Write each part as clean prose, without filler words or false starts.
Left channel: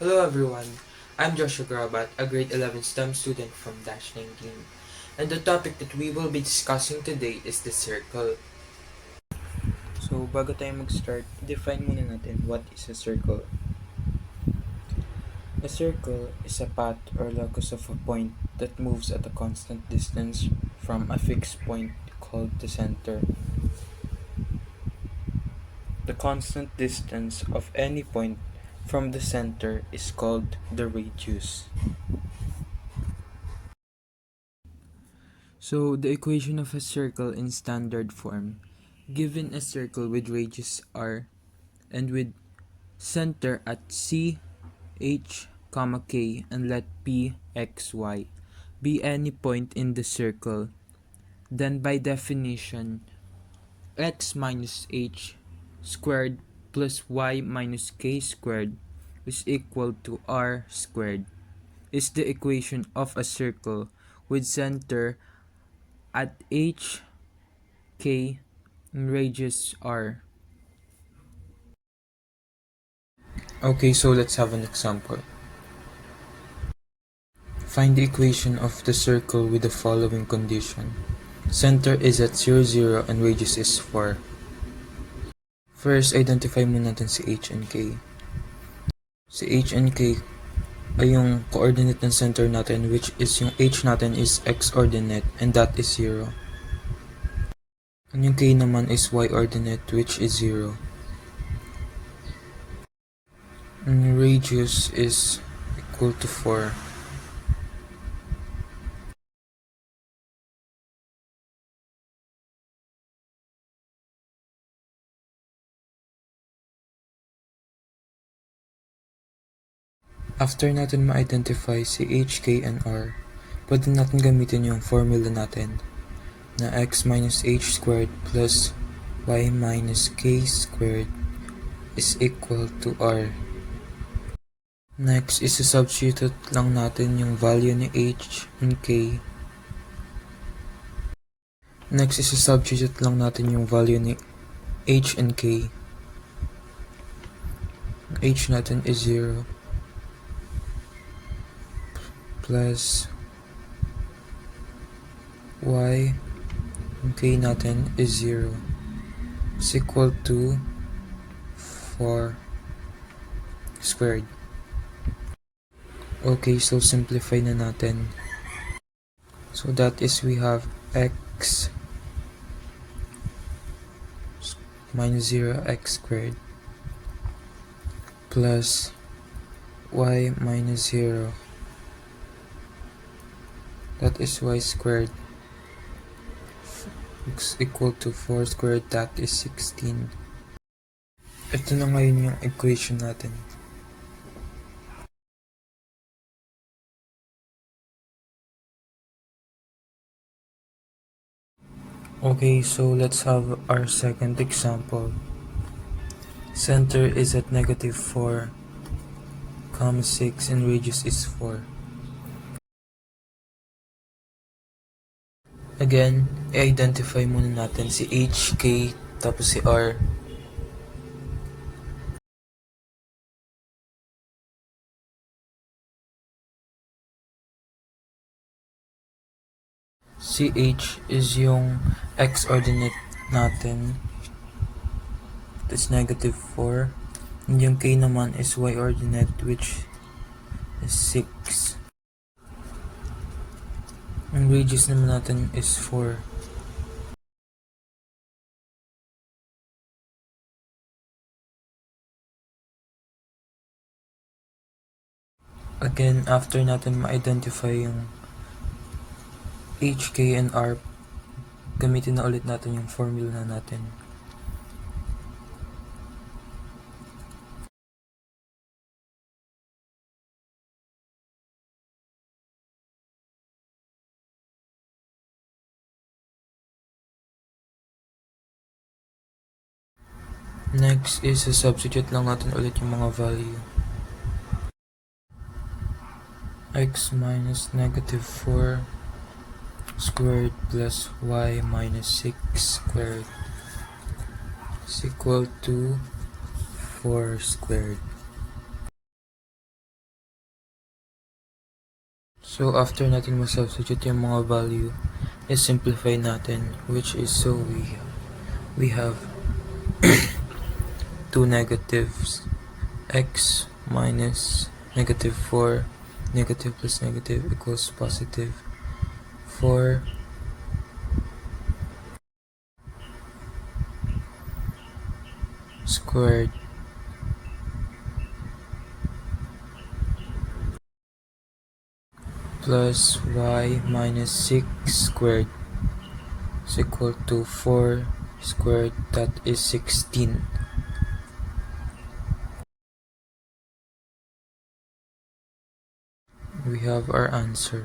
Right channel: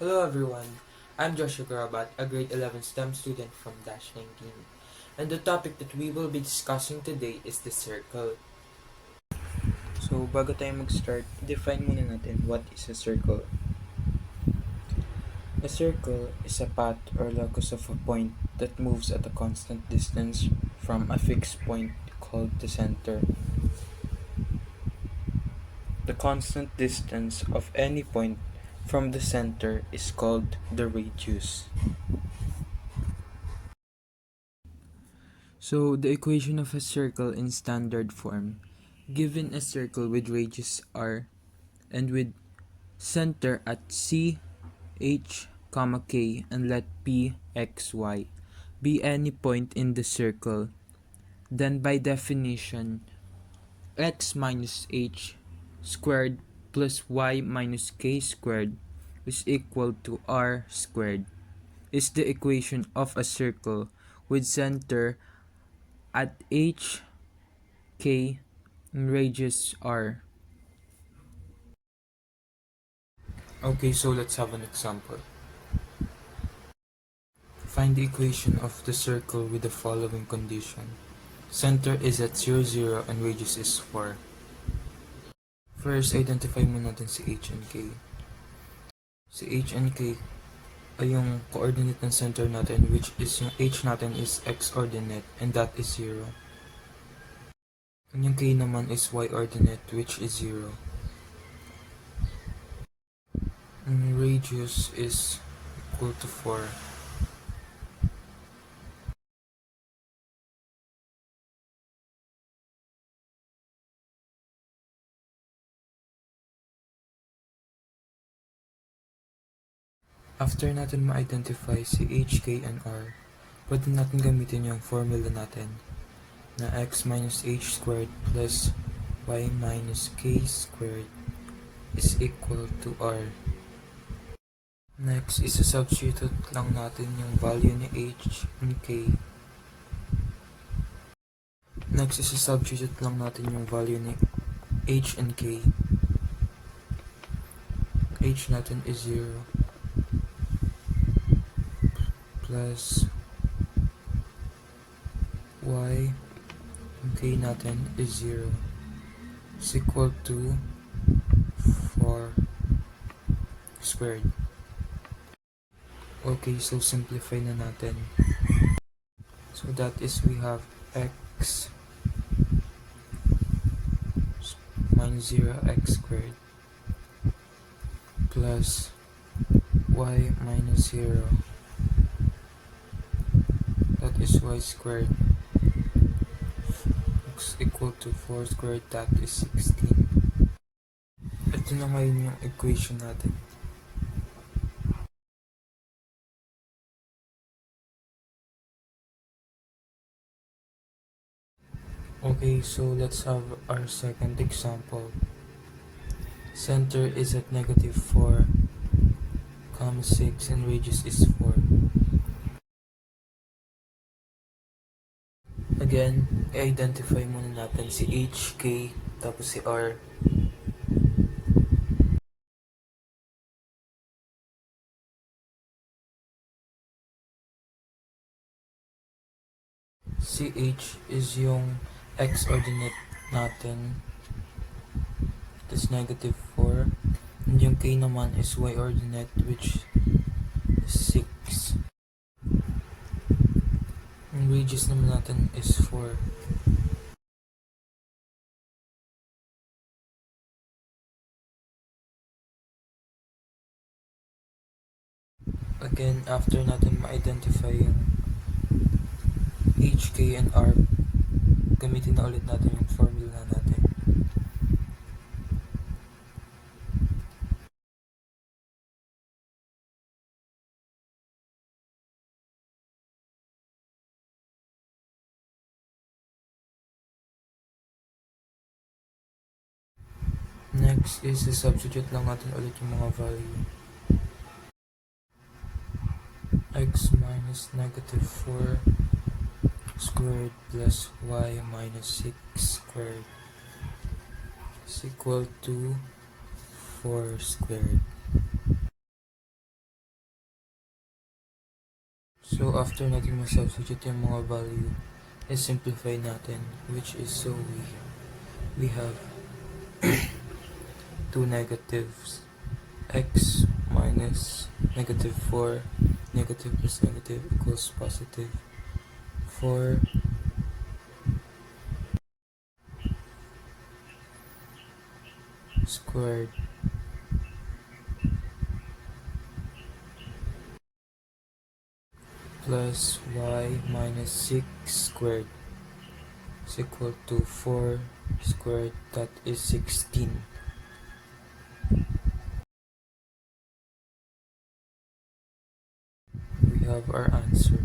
Hello everyone, I'm Joshua Grabat, a grade 11 STEM student from Dash 19. And the topic that we will be discussing today is the circle. So, bago tayo mag-start, define muna natin what is a circle. A circle is a path or locus of a point that moves at a constant distance from a fixed point called the center. The constant distance of any point from the center is called the radius. So, the equation of a circle in standard form. Given a circle with radius r and with center at C, H, K, and let P, X, Y be any point in the circle, then by definition, x minus h squared plus y minus k squared is equal to r squared is the equation of a circle with center at h, k, and radius r. Okay, so let's have an example. Find the equation of the circle with the following condition. Center is at 0, 0 and radius is 4. First, identify muna natin si H and K. Si H and K ay yung coordinate ng center natin, which is yung H natin is X ordinate and that is 0. And yung K naman is Y ordinate, which is 0. And radius is equal to 4. After natin ma-identify si H, K, and R, pwede natin gamitin yung formula natin na x minus h squared plus y minus k squared is equal to r. Next, isa-substitute lang natin yung value ni h and k. Next, isa-substitute lang natin yung value ni h and k. H natin is 0 plus y and k natin is 0 is equal to 4 squared. Okay, so simplify na natin. So that is we have x minus 0x squared plus y minus 0, that is y squared, is equal to 4 squared, that is 16. Ito na ngayon yung equation natin. Okay, so let's have our second example. Center is at negative 4, 6 and radius is 4. Again, i-identify muna natin si H, K, tapos si R. Si H is yung x ordinate natin, that's negative 4. And yung K naman is y ordinate, which is 6. Ang radius naman natin is 4. Again, after natin ma-identify yung H, K, and R, gamitin na ulit natin yung formula natin. Next is substitute lang natin ulit yung mga value. X minus negative 4 squared plus y minus 6 squared is equal to 4 squared. So, after natin mag-substitute yung mga value, is-simplify natin, which is so we have two negatives, x minus negative 4, negative plus negative equals positive 4 squared plus y minus 6 squared is equal to 4 squared, that is 16. We have our answer.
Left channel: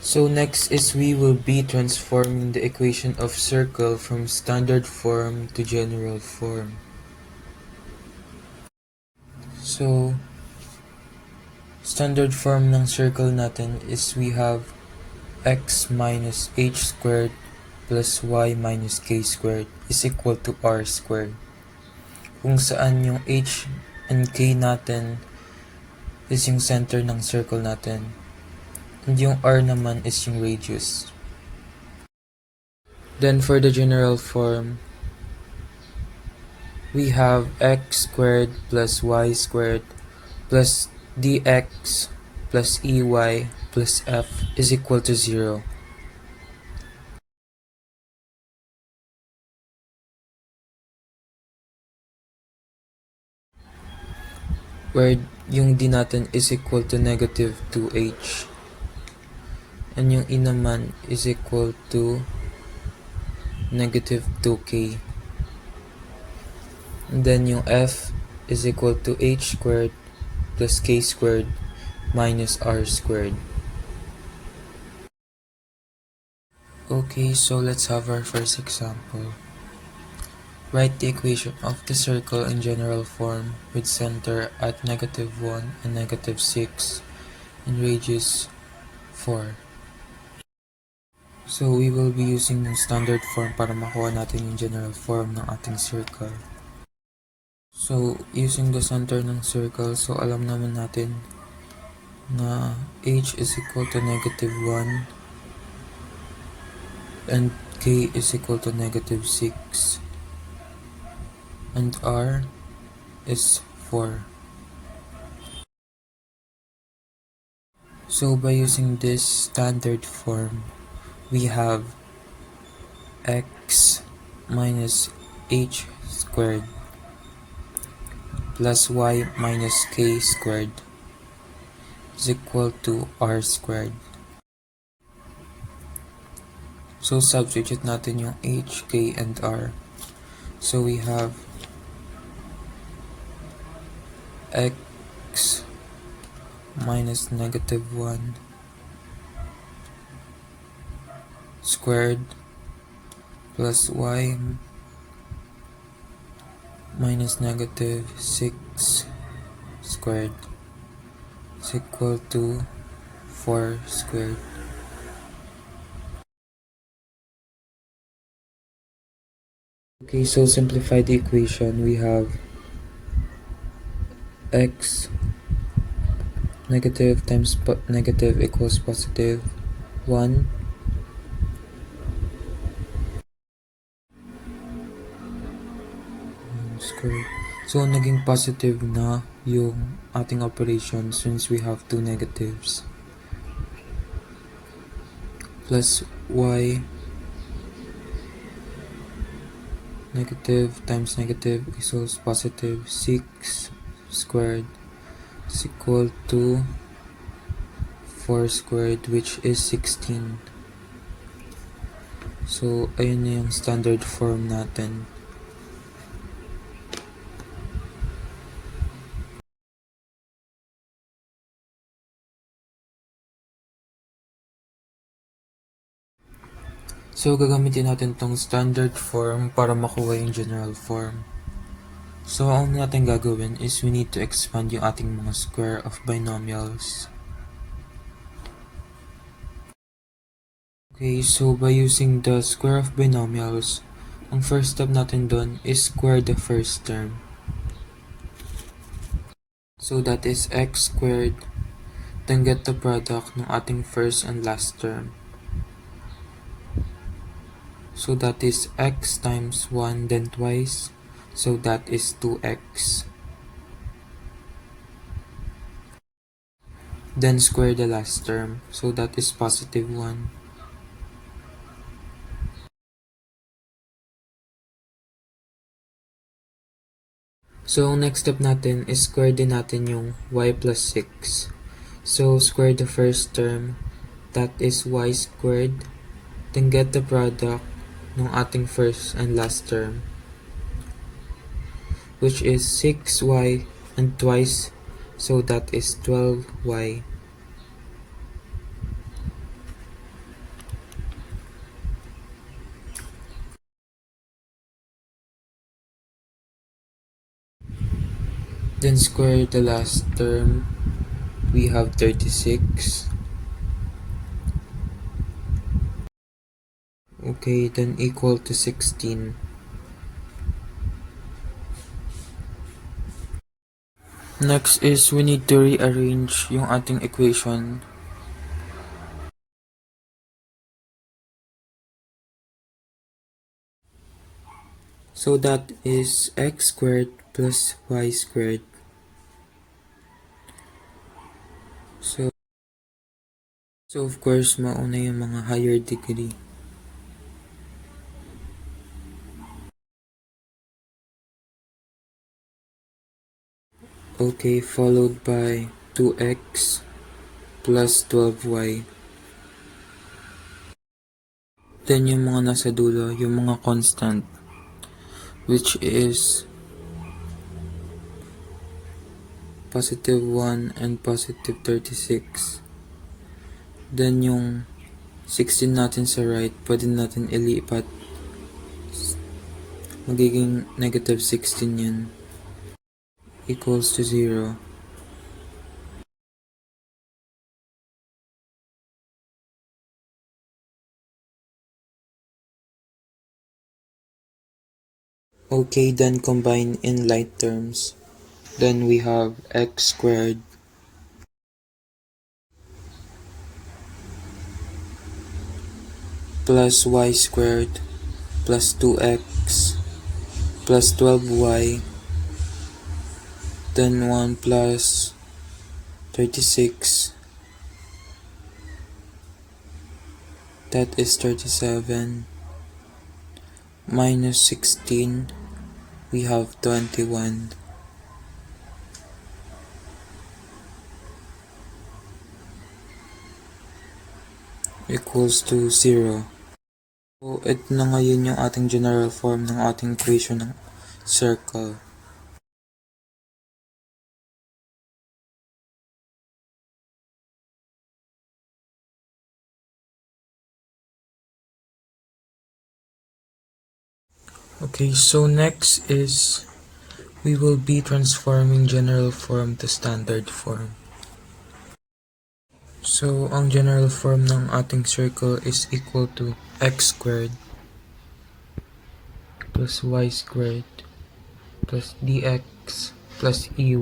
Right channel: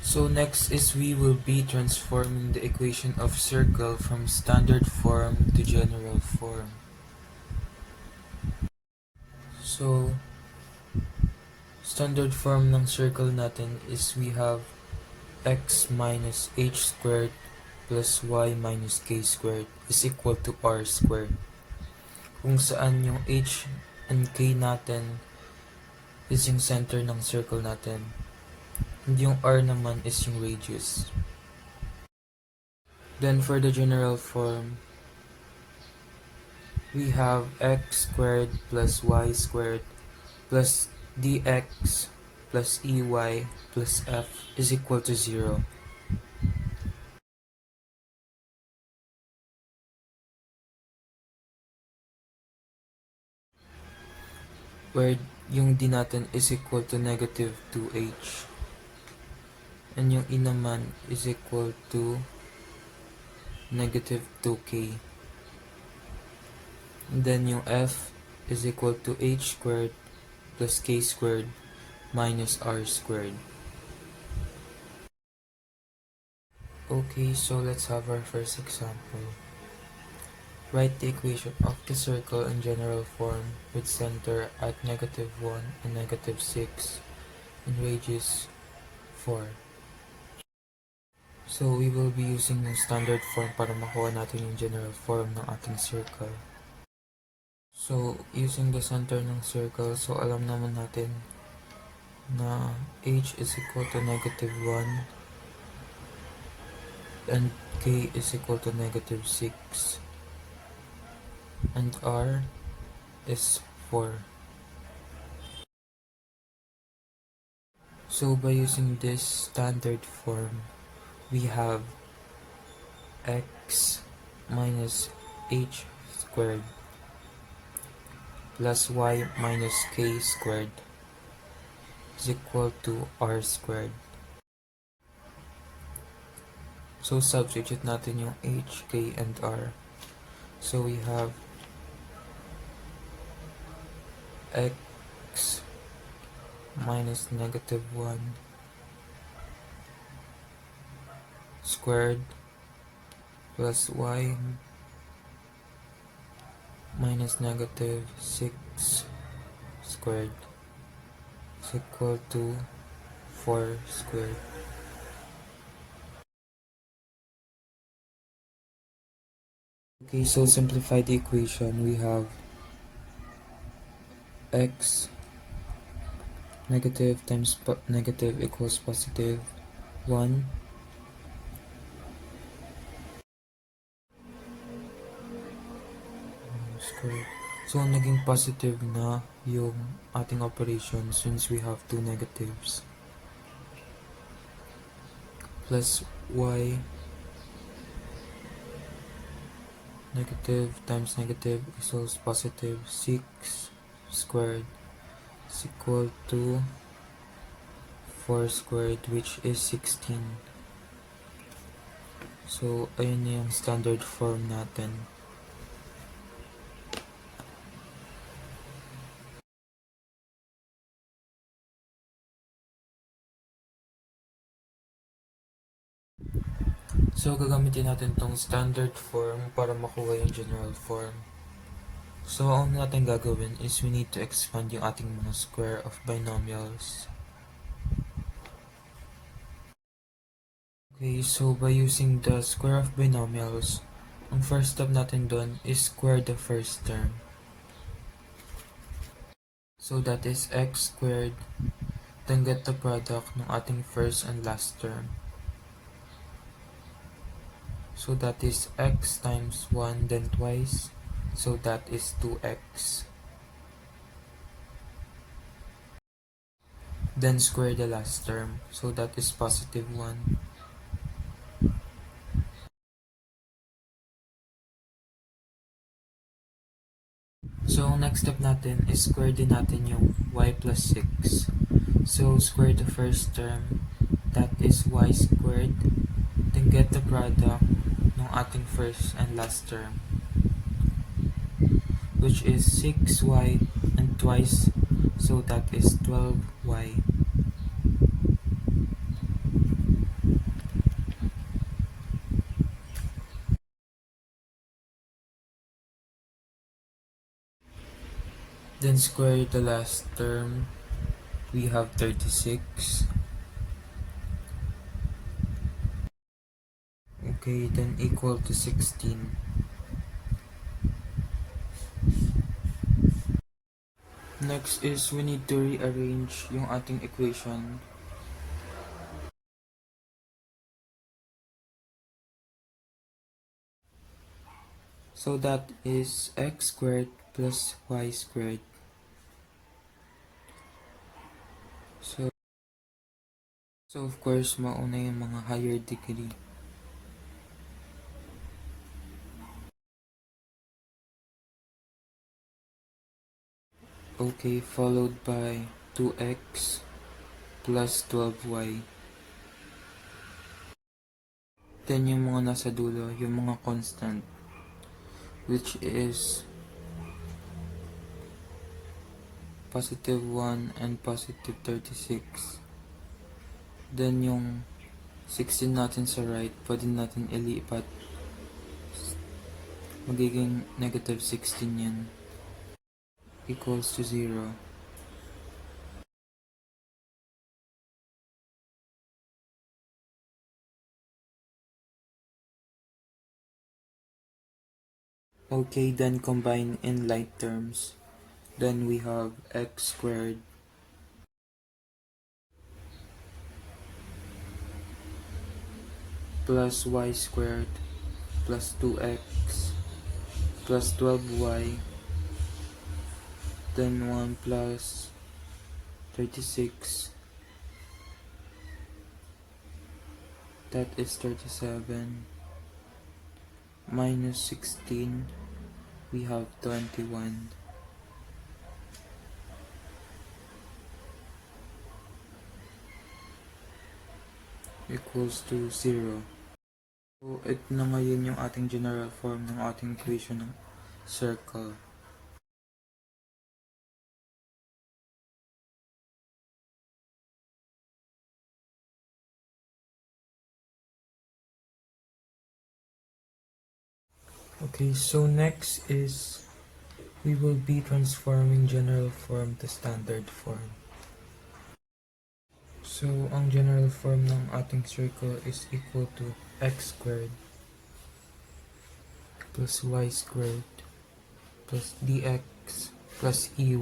So next is we will be transforming the equation of circle from standard form to general form. So, standard form ng circle natin is we have x minus h squared plus y minus k squared is equal to r squared. Kung saan yung h and k natin is yung center ng circle natin. And yung r naman is yung radius. Then for the general form, we have x squared plus y squared plus dx plus ey plus f is equal to 0. Where yung d natin is equal to negative 2h. And yung e naman is equal to negative 2k. And then yung f is equal to h squared plus k squared minus r squared. Okay, so let's have our first example. Write the equation of the circle in general form with center at negative 1 and negative 6 and radius 4. So we will be using yung standard form para makuha natin yung general form ng ating circle. So using the center ng circle, so alam naman natin na h is equal to negative 1 and k is equal to negative 6 and r is 4. So by using this standard form, we have x minus h squared plus y minus k squared is equal to r squared. So substitute natin yung h, k, and r. So we have x minus negative 1 squared plus y minus negative 6 squared is equal to 4 squared. Okay, so simplify the equation. We have x negative times negative equals positive 1 squared. So naging positive na yung ating operation since we have two negatives plus y negative times negative equals positive 6 squared is equal to 4 squared, which is 16. So ayun na yung standard form natin. So gagamitin natin tong standard form para makuha yung general form. So ang natin gagawin is we need to expand yung ating mga square of binomials. Okay, so by using the square of binomials, ang first step natin doon is square the first term. So that is x squared, then get the product ng ating first and last term. So that is x times 1 then twice, so that is 2x. Then square the last term, so that is positive 1. So, ang next step natin is square din natin yung y plus 6. So, square the first term, that is y squared, then get the product ng ating first and last term, which is 6y and twice, so that is 12y. Then square the last term, we have 36. Okay, then equal to 16. Next is we need to rearrange yung ating equation. So that is x squared plus y squared. So of course, mauna yung mga higher degree. Okay, followed by 2x plus 12y. Then yung mga nasa dulo, yung mga constant, which is positive 1 and positive 36. Then yung 16 natin sa right, pwede natin ilipat. Magiging negative 16 yan. Equals to 0. Okay, then combine in light terms. Then we have x squared plus y squared plus 2x plus 12y, then 1 plus 36, that is 37, minus 16, we have 21. Equals to 0. So, ito na ngayon yung ating general form ng ating equation ng circle. Okay, so next is we will be transforming general form to standard form. So, ang general form ng ating circle is equal to x squared plus y squared plus dx plus ey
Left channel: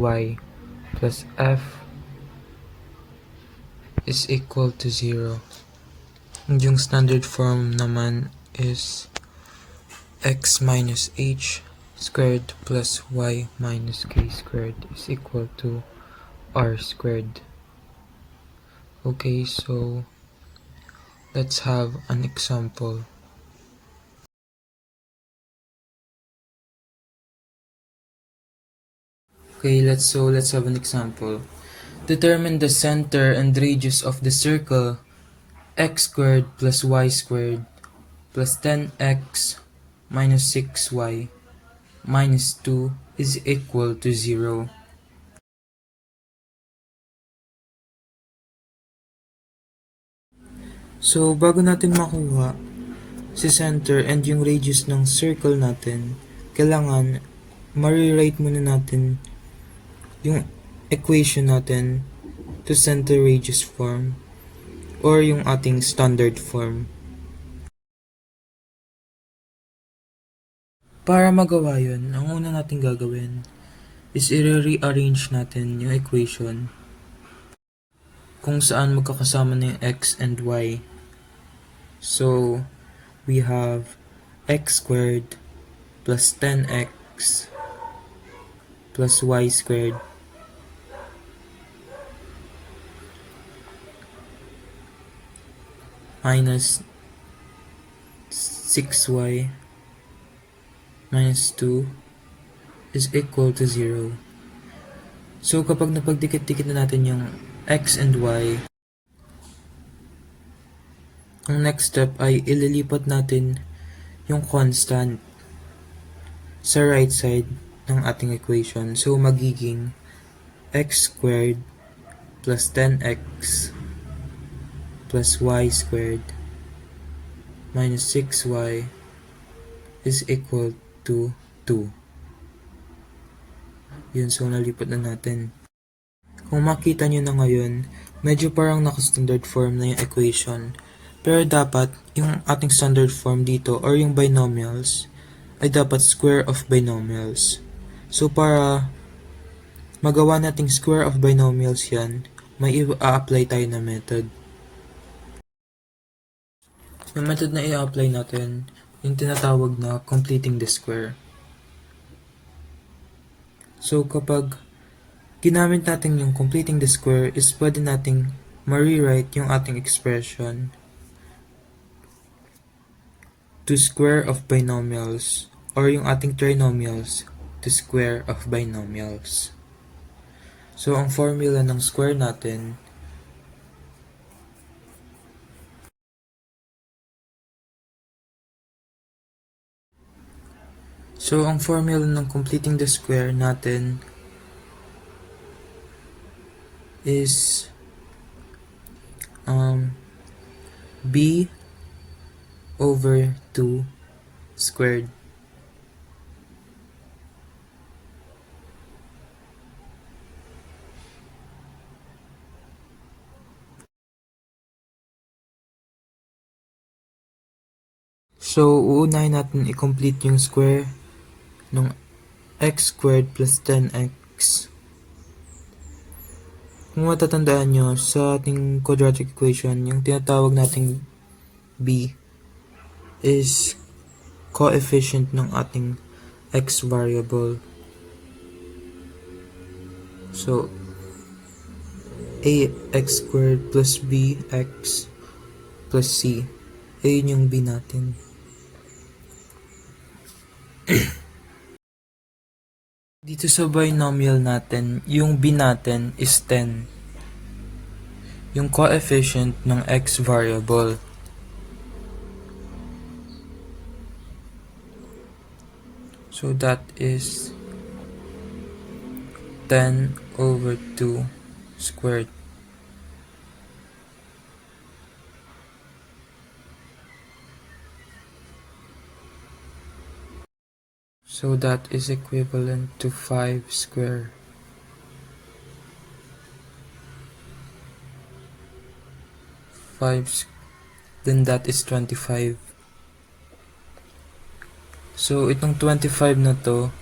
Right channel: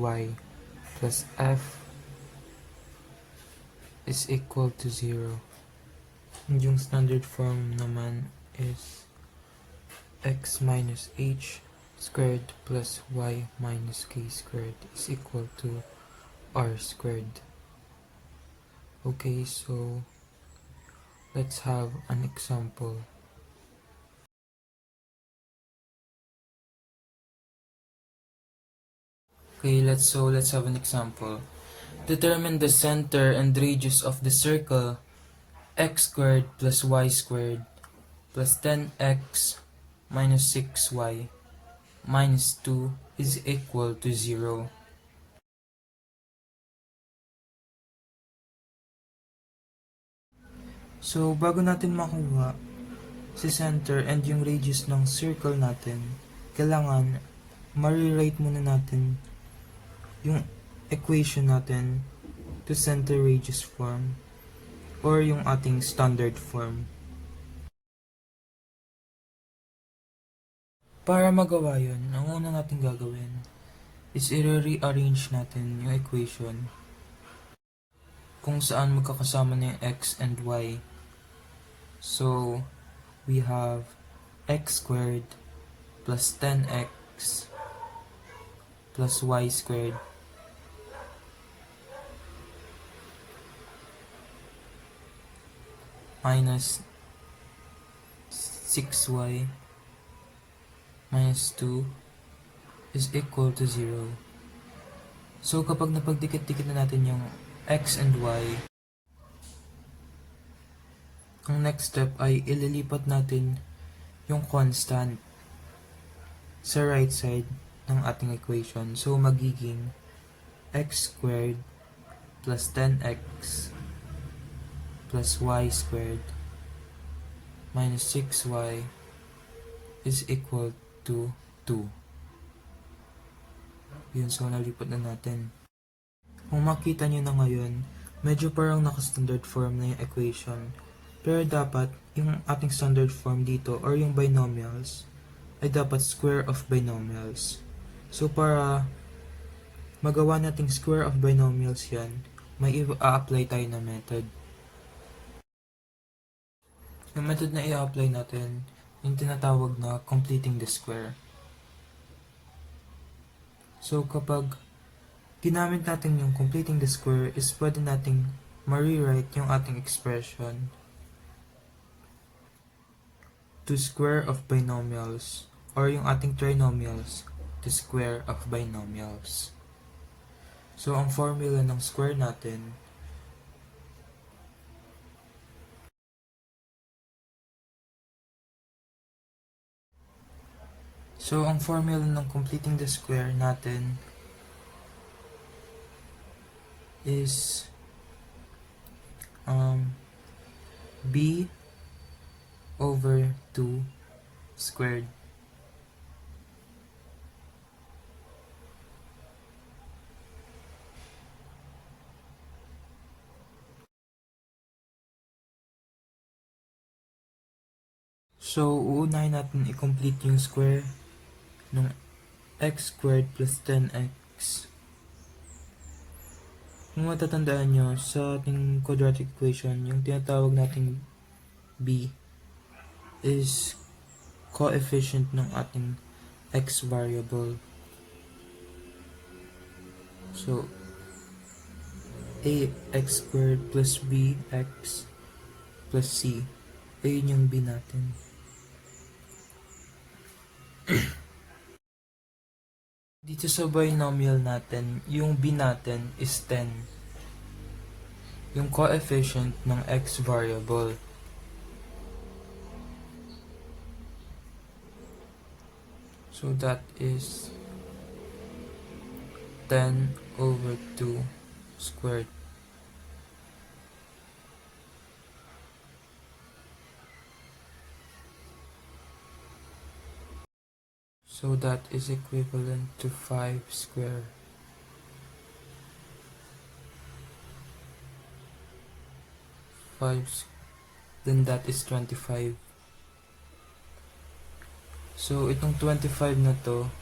plus f is equal to 0. And yung standard form naman is x minus h squared plus y minus k squared is equal to r squared. Okay, so let's have an example. Okay, let's have an example. Determine the center and radius of the circle x squared plus y squared plus 10x minus 6y minus 2 is equal to 0. So, bago natin makuha si center and yung radius ng circle natin, kailangan ma-rewrite muna natin yung equation natin to center radius form or yung ating standard form. Para magawa yun, ang una natin gagawin is i-rearrange natin yung equation kung saan magkakasama na yung x and y. So, we have x squared plus 10x plus y squared minus 6y minus 2 is equal to 0. So, kapag napagdikit-dikit na natin yung x and y, ang next step ay ililipat natin yung constant sa right side ng ating equation. So, magiging x squared plus 10x plus y squared minus 6y is equal to 2. Yun, so nalipat na natin. Kung makita nyo na ngayon, medyo parang naka-standard form na yung equation. Pero dapat, yung ating standard form dito, or yung binomials, ay dapat square of binomials. So, para magawa nating square of binomials yan, may i-apply tayo na method. Yung method na i-apply natin, yung tinatawag na completing the square. So, kapag ginamit natin yung completing the square, is pwede nating ma-rewrite yung ating expression to square of binomials, or yung ating trinomials to square of binomials. So, ang formula ng square natin ng completing the square natin is b over 2 squared. So, uunahin natin i-complete yung square ng x squared plus 10x. Kung matatandaan nyo, sa ating quadratic equation, yung tinatawag nating b is coefficient ng ating x variable. So, ax squared plus bx plus c. Ayun yung b natin. Dito sa binomial natin, yung b natin is 10. Yung coefficient ng x variable. So that is 10 over 2 squared. So that is equivalent to 5 square. 5, then that is 25. So itong 25 na to,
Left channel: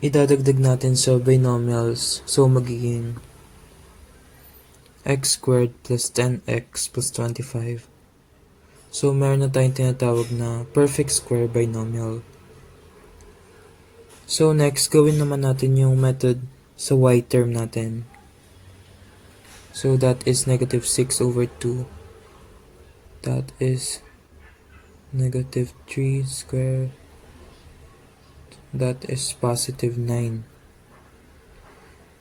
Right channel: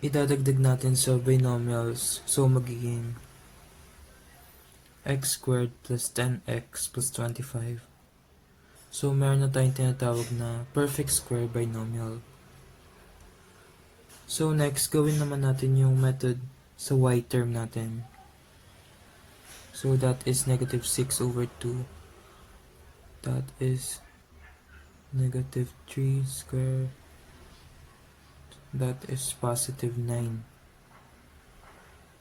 idadagdag natin sa binomials. So magiging x squared plus 10x plus 25. So meron na tayong tinatawag na perfect square binomial. So next, gawin naman natin yung method sa y term natin. So that is negative 6 over 2. That is negative 3 square. That is positive 9.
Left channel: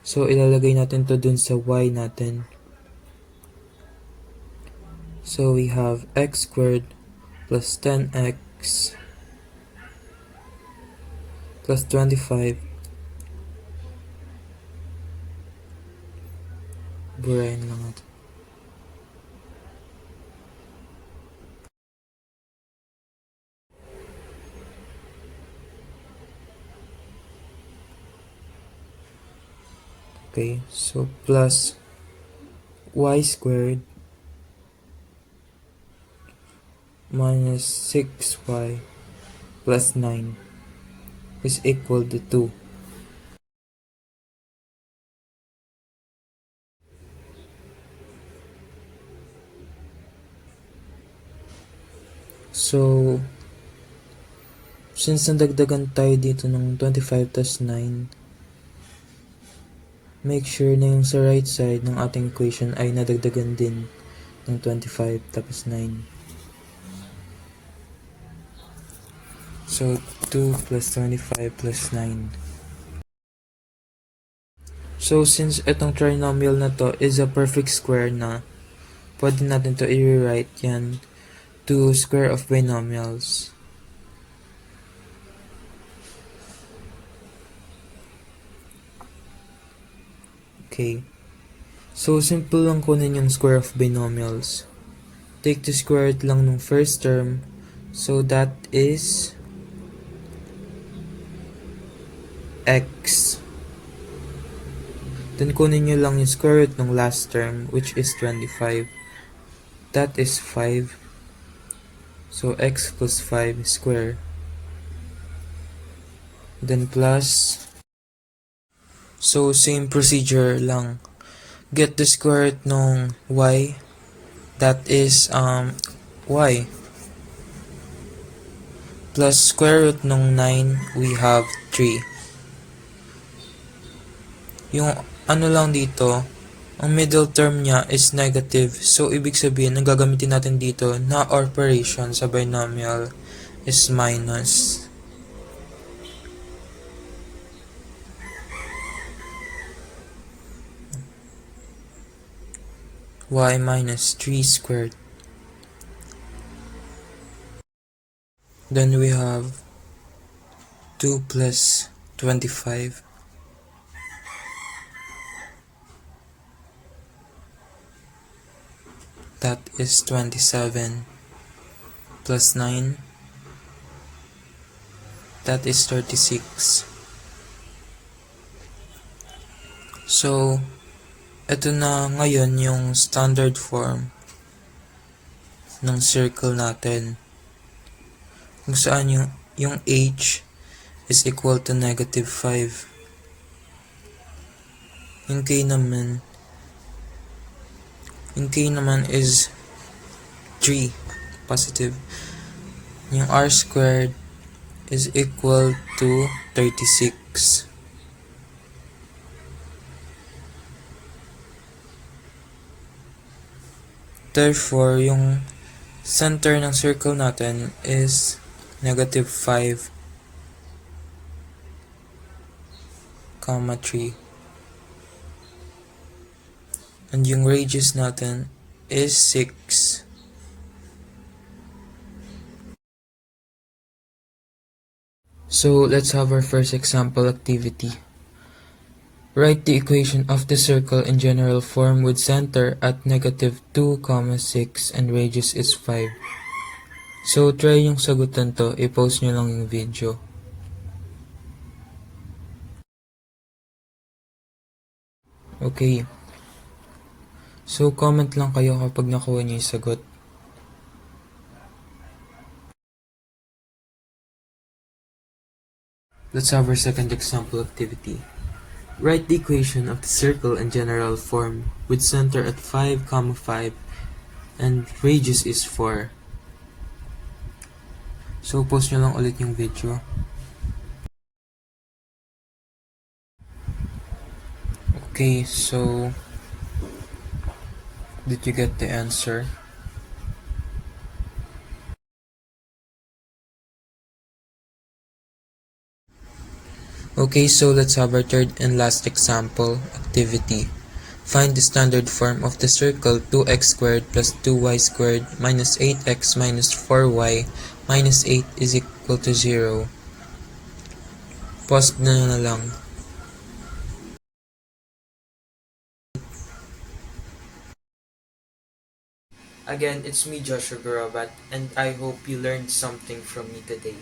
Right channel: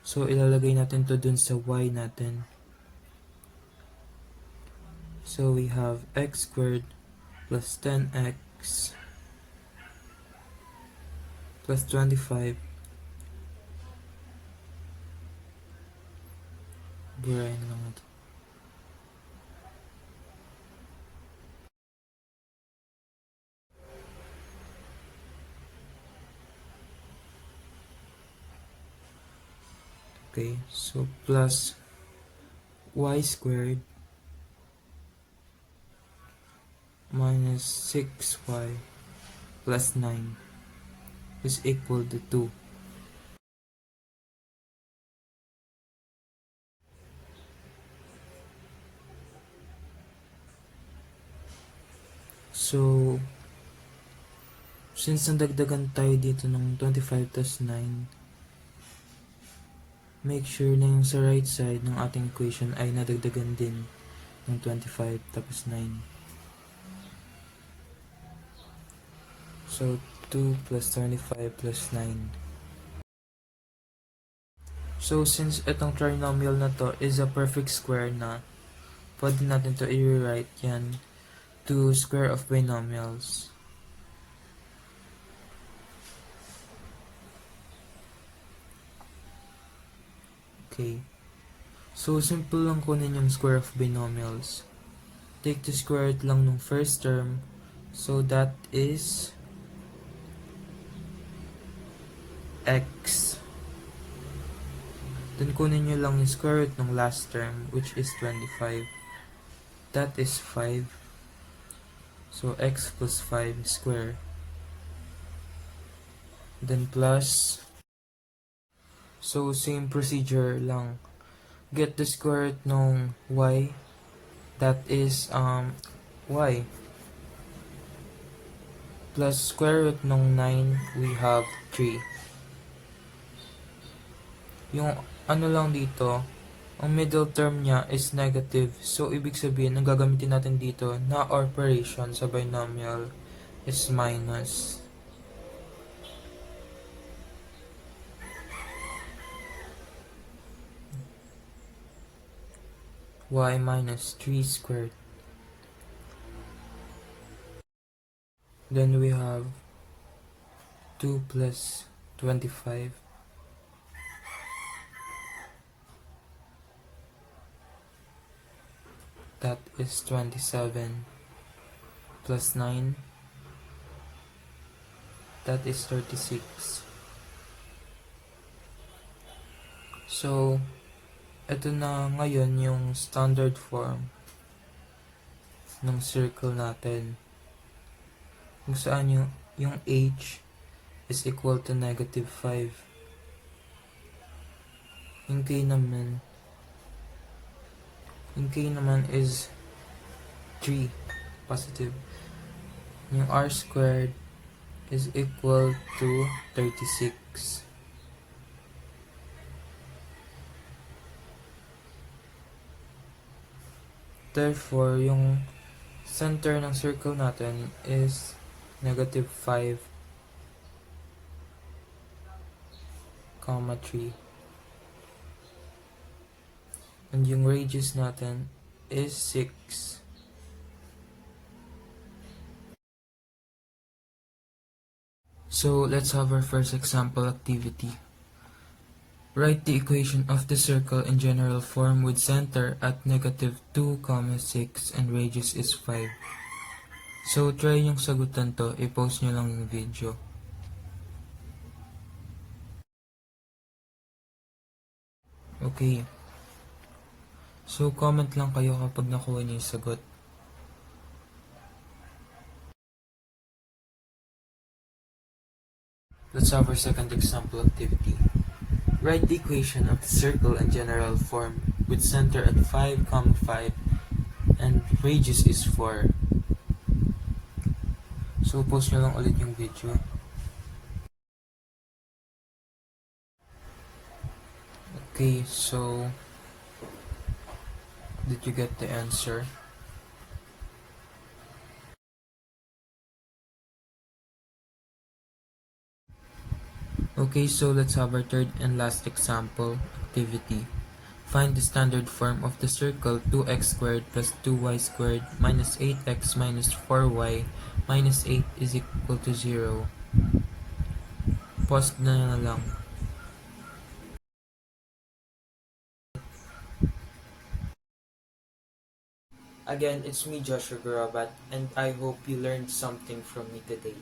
So ilalagay natin to dun sa y natin. So we have x squared plus 10x plus 25. Burahin lang natin. Okay, so plus y squared minus 6y plus 9. is equal to 2. So, since nadagdagan tayo dito ng 25 plus 9, make sure na yung sa right side ng ating equation ay nadagdagan din ng 25 tapos 9. So, 2 plus 25 plus 9. So, since itong trinomial na to is a perfect square na, pwede natin to i-rewrite yan to square of binomials. Okay. So, simple lang kunin yung square of binomials. Take the square root lang nung first term. So, that is x. Then, kunin nyo lang yung square root ng last term, which is 25. That is 5. So, x plus 5 square. Then, plus. So, same procedure lang. Get the square root ng y. That is, y. Plus square root ng 9, we have 3. Yung ano lang dito, ang middle term niya is negative. So, ibig sabihin, ang gagamitin natin dito na operation sa binomial is minus. Y minus 3 squared. Then we have 2 plus 25. That is 27 plus 9. That is 36. So, ito na ngayon yung standard form ng circle natin. Kung saan yung h is equal to negative 5. Yung k naman is 3, positive. Yung r squared is equal to 36. Therefore, yung center ng circle natin is negative 5, 3. And yung radius natin is 6. So, let's have our first example activity. Write the equation of the circle in general form with center at negative 2, 6 and radius is 5. So, try yung sagutan to. I-pause nyo lang yung video. Okay. So, comment lang kayo kapag nakuha nyo yung sagot. Let's have our second example activity. Write the equation of the circle in general form with center at 5, 5 and radius is 4. So, pause nyo lang ulit yung video. Okay, so did you get the answer? Okay, so let's have our third and last example activity. Find the standard form of the circle 2x squared plus 2y squared minus 8x minus 4y minus 8 is equal to 0. Pause na lang. Again, it's me, Joshua Garabat, and I hope you learned something from me today.